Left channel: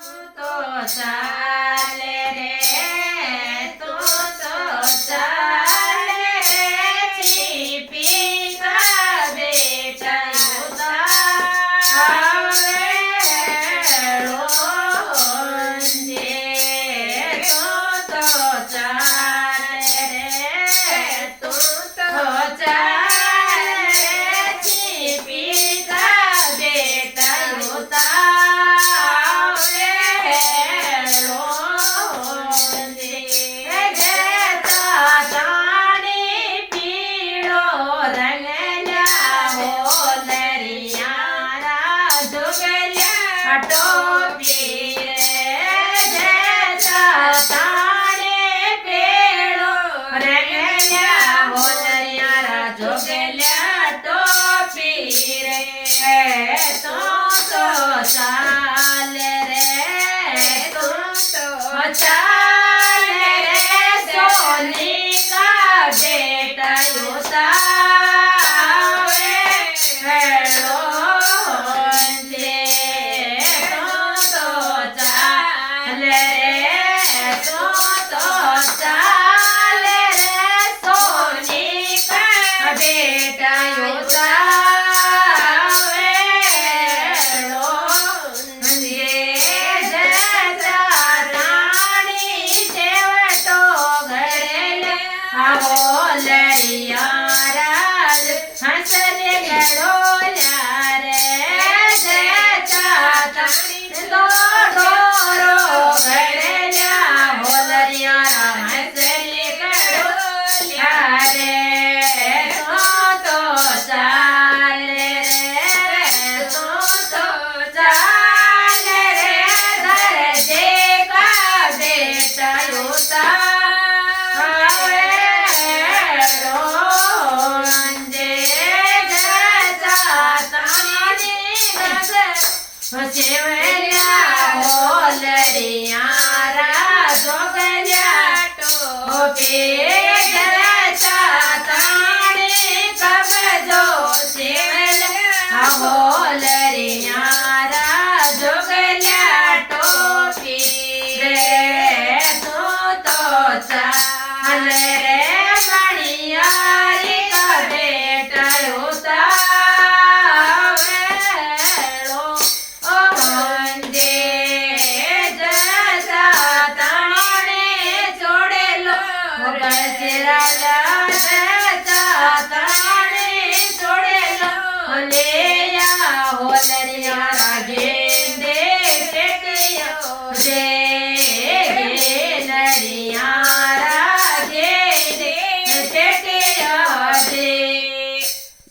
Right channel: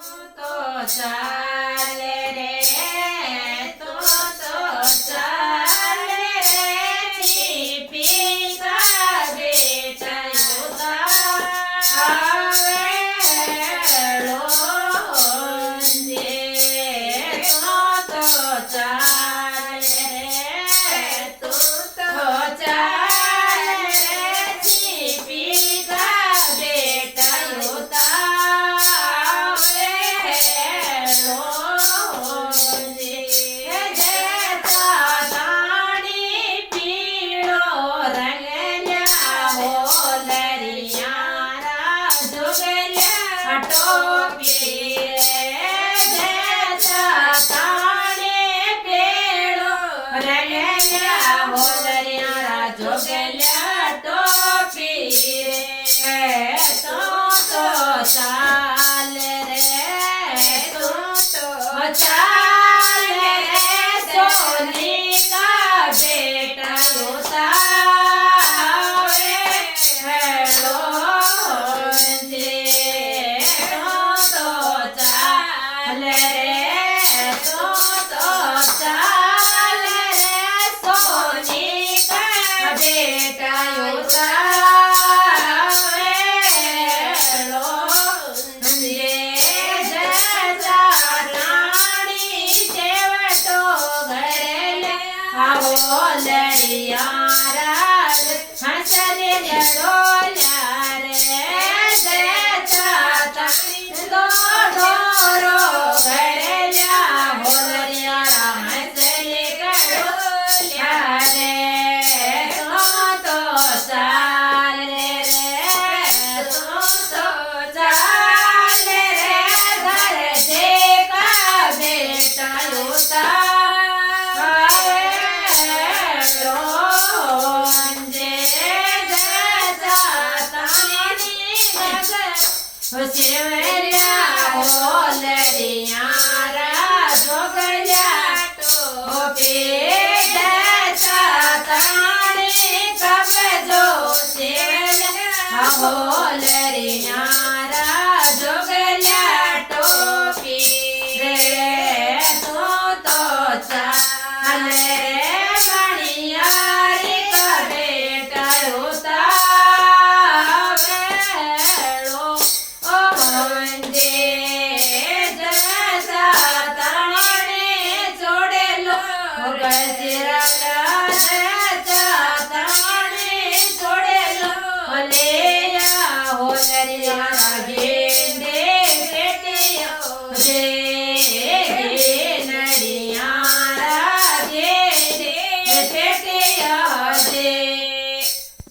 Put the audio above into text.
તો ચાલે રે તું તો ચાલે રે છીપી કા બેટા ચાલે રે તું તો ચાલે રે સોની કા બેટા ઉતાવે હેલો જે તું તો ચાલે રે તું તો ચાલે રે સોની કા બેટા હોલરિયા